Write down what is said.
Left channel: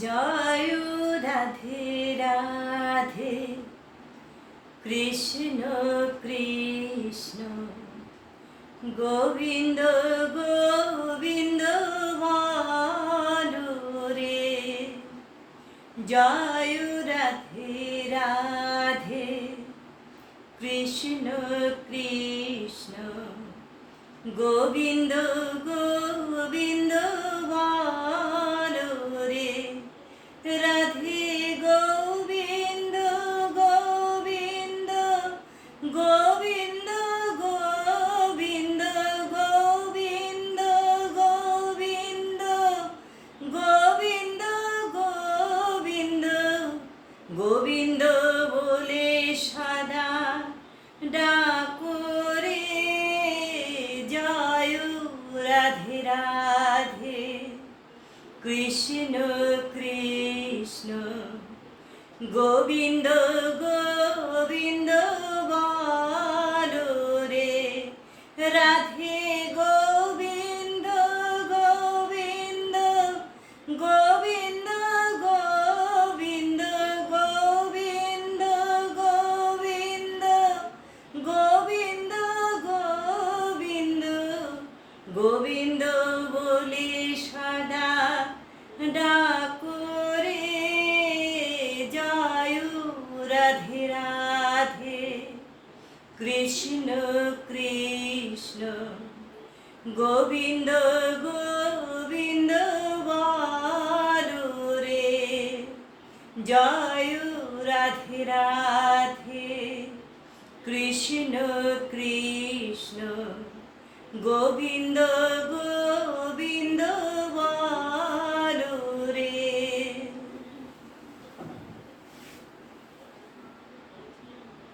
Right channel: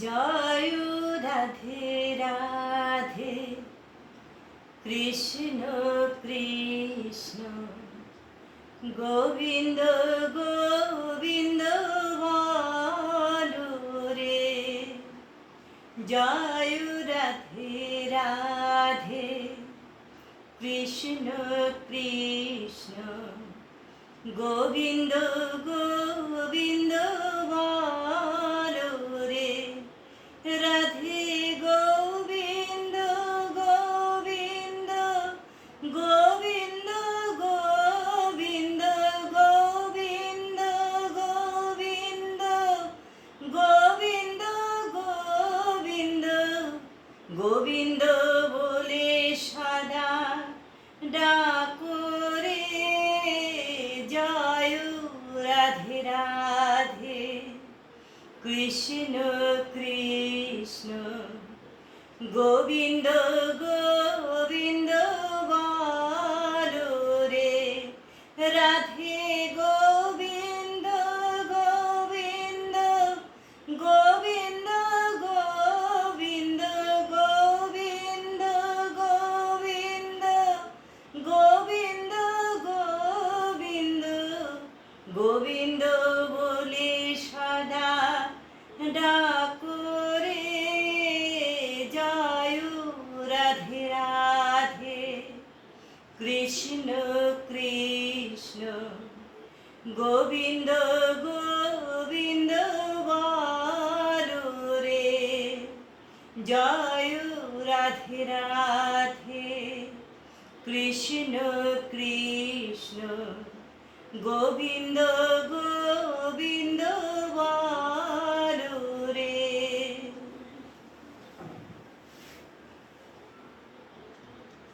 জয় রাধে রাধে কৃষ্ণ কৃষ্ণ গোবিন্দ গোবিন্দ বলো রে। জয় রাধে রাধে কৃষ্ণ কৃষ্ণ গোবিন্দ গোবিন্দ বলো রে। রাধে গোবিন্দ গোবিন্দ গোবিন্দ গোবিন্দ গোবিন্দ গোবিন্দ গোবিন্দ গোবিন্দ গোবিন্দ বলে সদা ডাকো রে। জয় রাধে রাধে কৃষ্ণ কৃষ্ণ গোবিন্দ গোবিন্দ বলো রে। রাধে গোবিন্দ গোবিন্দ গোবিন্দ গোবিন্দ গোবিন্দ গোবিন্দ গোবিন্দ গোবিন্দ গোবিন্দ বলে সদা ডাকো রে। জয় রাধে রাধে কৃষ্ণ কৃষ্ণ গোবিন্দ গোবিন্দ বলো রে। জয় রাধে রাধে কৃষ্ণ কৃষ্ণ গোবিন্দ